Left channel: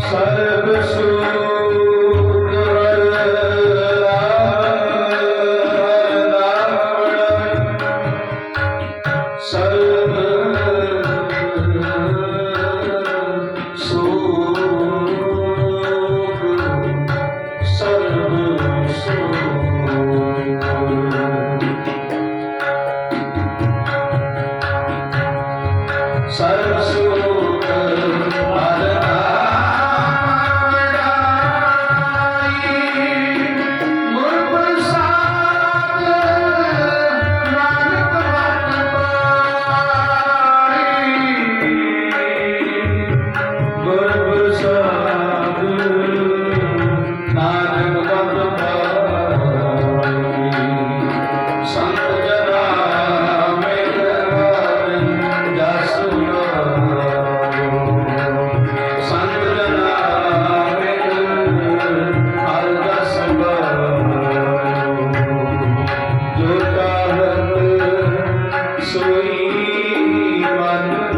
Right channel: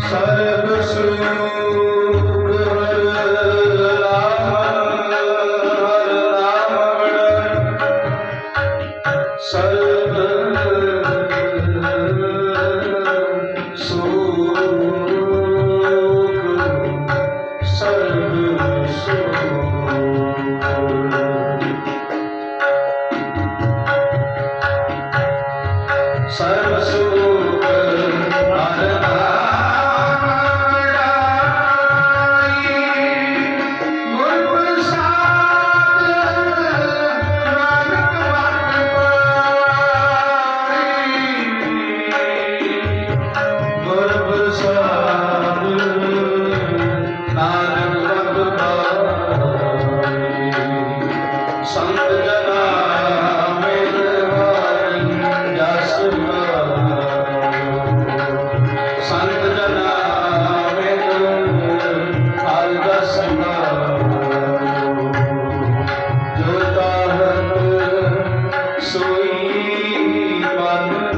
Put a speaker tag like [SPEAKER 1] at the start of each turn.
[SPEAKER 1] ਸਰਬ ਸੁਖ ਹਰ ਨਾਮ ਸਰਬ ਸੁਖ ਸਰਬ ਸੁਖ ਸਰਬ ਸੁਖ বান্ধব